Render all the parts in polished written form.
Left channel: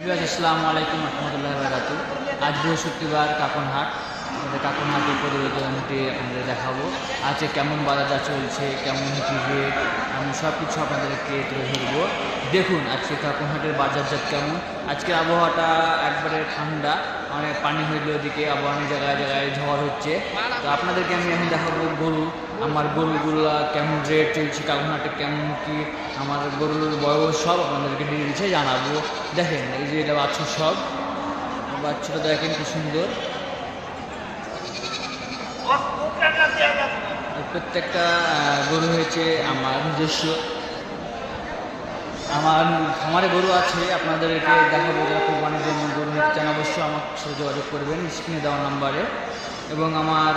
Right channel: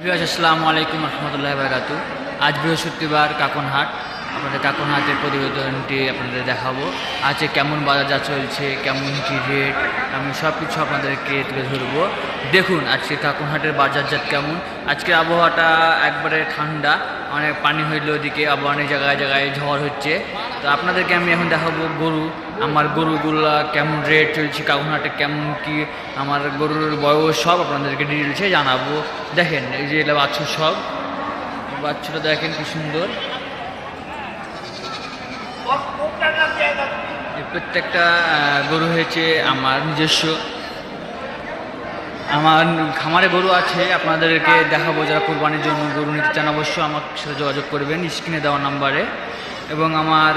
আসসালামু আলাইকুম রহমতুল্লাহ বারাকাতু। আজ বৃহস্পতিবার কাকনহাট, আপনাদের কাকনহাটের প্রতিবেদনটি আপনাদের দেখাবো। আজকে কেমন বাজার চলছে, কেমন কী রেট, আমি সব কিছু আপনাদেরকে তুলে ধরবো। দেখুন আজকে কাকনহাটের বাজারজাত কেমন। আজকের আবহাওয়াটা একবারে ঠান্ডা, অনেক পানি হইলো ওদিকে, আবার অনেক জায়গায় জায়গায় ঝড় হচ্ছে। তো আপনাদেরকে আমি এখন দেখাবো গরু, আমার গরুগুলা কেমন রেট চলছে, কাকনহাটে কেমন কি আমার গরুর বয়স সব আপনাদেরকে ডিটেলসে জানাবো। দেখেন এই যে এটা বাছুর, সব বাচ্চাটা দেখেন কি সুন্দর। এই প্রত্যেকটা গরু হয়েছে আমার নিজস্ব, আমার খামারে গরু আছে, আপনাদেরকে দেখাবো। যারা কোরবানির জন্য গরু নিতে চান অবশ্য আমার সাথে যোগাযোগ করবেন স্ক্রিনে দেওয়া নাম্বারে। এবং আমার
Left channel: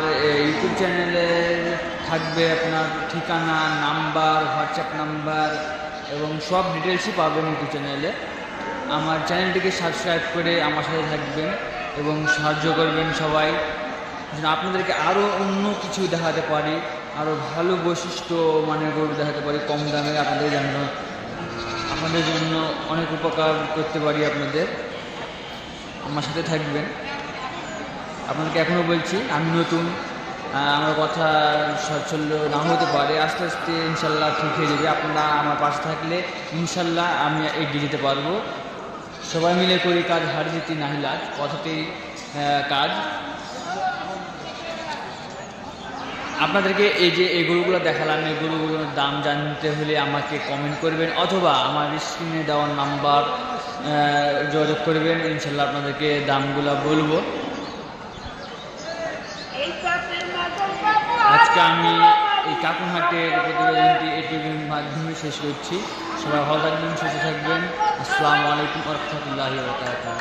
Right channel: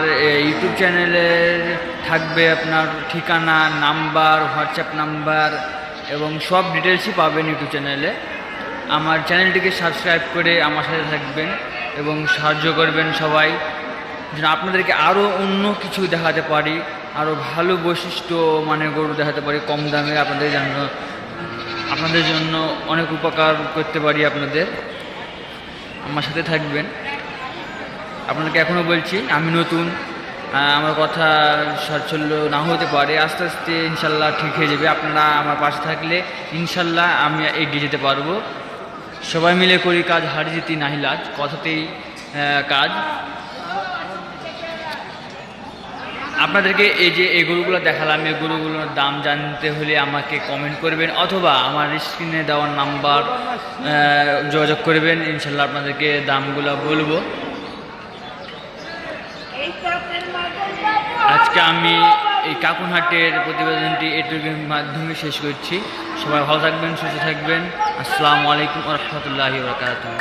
ইউটিউব চ্যানেলের থাকবে আপনার ঠিকানা, নাম্বার, হোয়াটসঅ্যাপ নাম্বার এবং সব ডিটেলসই পাবেন ইউটিউব চ্যানেলে। আমার চ্যানেলটিকে সাবস্ক্রাইব করে আমার সাথে থাকবেন এবং সাহায্য করবেন সবাই, যেন আপনাদেরকে আরও অন্য কিছু দেখাতে পারি, আরও ভালো বৈশিষ্ট্য মানে গরু দেখাতে পারি কম দামে, আপনাদের জন্য অনেক উপকার করতে পারি। আপনাদের আমার সাথে থাকবেন। আপনাদেরকে এখনও বলছি আমি নতুন, আমার কথা সচ্ছল্য না হতে পারে, আস্তে আস্তে ইনশাল্লাহ ঠিক হয়ে যাবে। আপনারা আমার পাশে থাকলে ইনশাল্লাহ আমি এগিয়ে যেতে পারবো। সবাই মিলে করি কাজ, হারি জিতি নাহি লাজ, কথাতেই কাজ। আপনাদেরকে এই যে এই গরুগুলো দেখালাম, এই গরুগুলোর দাম জানতে হলে আমাকে কমেন্ট করবেন অথবা আমার স্ক্রিনে দেওয়ার নাম্বার যোগাযোগ করবেন, ইনশাল্লাহ আপনাদেরকে দামগুলো বলবো। আজকে আমি এই কাকনহাটের প্রতিবেদনটি এটুকুর মাধ্যমে শেষ করছি। সবাই ভালো থাকবেন, সুস্থ থাকবেন। আসসালামু আলাইকুম রহমতুল্লাহি বারাকাতুহু।